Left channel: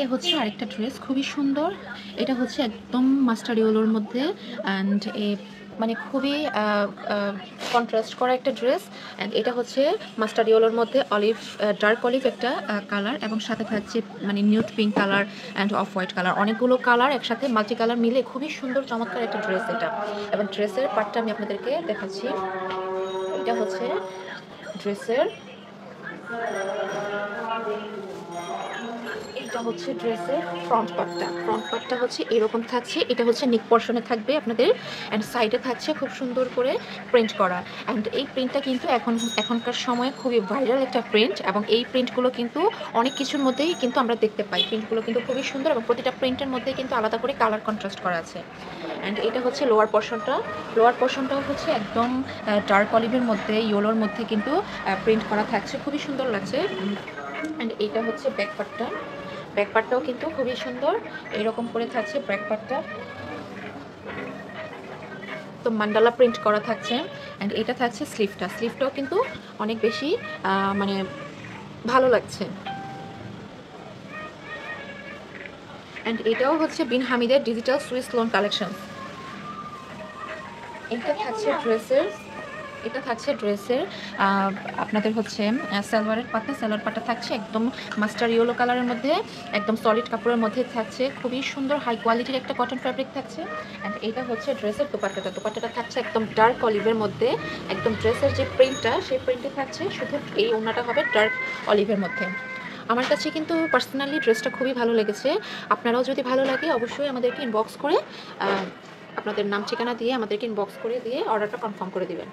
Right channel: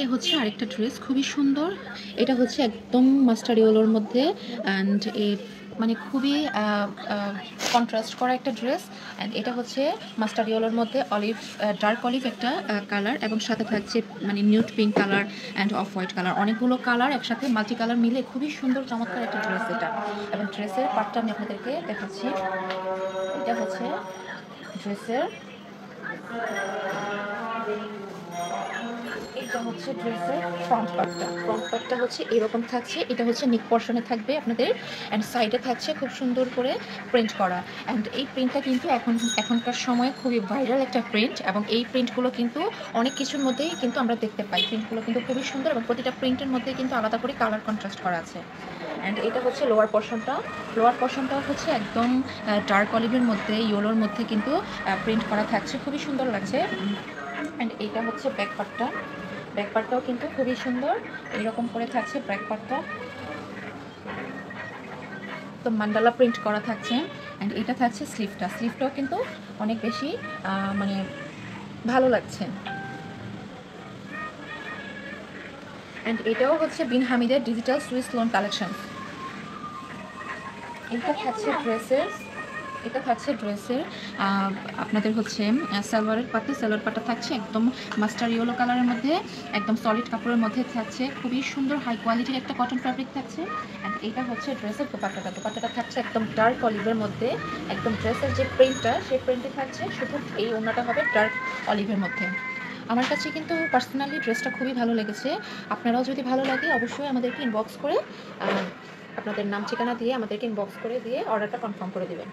এই হচ্ছে আরেকটা ড্রেস, খুবই সুন্দর। এটা হচ্ছে একদম মাস্টার্ড ইয়েলোর মধ্যে অ্যান্ড মানে খুবই কন্ট্রাস্ট করা একটা ড্রেস। অ্যান্ড এটা হচ্ছে মাস্টার্ড ইয়েলোর মধ্যে অলিভ, ডার্ক অলিভ একটা কালার, এবং সাথে থাকছে মানে nude pink colour and off white colour, অনেকগুলো কালার একসাথে মাল্টি কালার মিলে খুবই সুন্দর চমৎকার একটা ড্রেস এটা। এবং ড্রেসের পার্টটা আমি আপনাদেরকে দেখাচ্ছি। এটা হচ্ছে ড্রেসের, এটা হচ্ছে ড্রেসের ফ্রন্ট পার্টটা হচ্ছে এরকম থাকছে। এটা হচ্ছে নেক পোর্শনে থাকবে আপনাদের, অ্যান্ড সাইডে থাকছে খুব সুন্দর করে প্রিন্ট করা। অ্যান্ড এই প্রিন্টটা কিন্তু এখনকার সময়ে খুবই ভাইরাল একটা প্রিন্ট, এবং এই প্রিন্টগুলো কিন্তু অনেক কিছুর মধ্যেই কিন্তু আমরা দেখতে পাই। প্রিন্টগুলো কিন্তু খুবই সুন্দর, এবং প্রতিটা প্রিন্টের মধ্যে কিন্তু আলাদা করে কালার কন্ট্রাস্ট করা আছে। অ্যান্ড এটা হচ্ছে লোয়ার পোর্শনটাও হচ্ছে একদম ডার্ক অলিভের মধ্যে, ইয়েলোর মধ্যে কিন্তু প্রিন্ট করা থাকছে, খুবই সুন্দর লাগছে। অ্যান্ড এইটা হচ্ছে ব্যাক পার্টটাও কিন্তু খুবই সুন্দর, এরকম করে থাকছে ব্যাক পার্টটা, তো মান্ডালা প্রিন্ট করা থাকছে। অ্যান্ড এটা থাকছে স্লিভটাও কিন্তু অনেক বেশি মানে ভালো লাগছে। অ্যান্ড এটাও হচ্ছে বিন হামিদের ডিজিটাল সুইস লোন কালেকশন। এটা থাকছে ড্রেসের আপনাদের হচ্ছে সালোয়ার পাটটা থাকছে একদম মাস্টার ইয়েলো কালারের মধ্যে, একদম সলিড কাপড়ের মধ্যে থাকছে, খুবই সুন্দর হাই কোয়ালিটির একটা কটন ফ্যাব্রিক থাকছে। অ্যান্ড এটা হচ্ছে ড্রেসের দোপাট্টাটা থাকছে একদম ডার্ক অলিভের মধ্যে, একদম ড্রেসের যে প্রিন্টটা সেই প্রিন্টে থাকছে, শুধু এই ওড়নাটা হবে ডার্ক অলিভের মধ্যে। আমার কাছে কিন্তু পার্সোনালি ড্রেসটা খুবই ভালো লেগেছে। আপনারাও যদি ভালো লাগে অবশ্যই আমাদেরকে ইনবক্স করে আপনাদের নাম ঠিকানা দিয়ে আমাদেরকে ইনবক্স করে দিয়ে অর্ডারটা কনফার্ম করে দিবেন।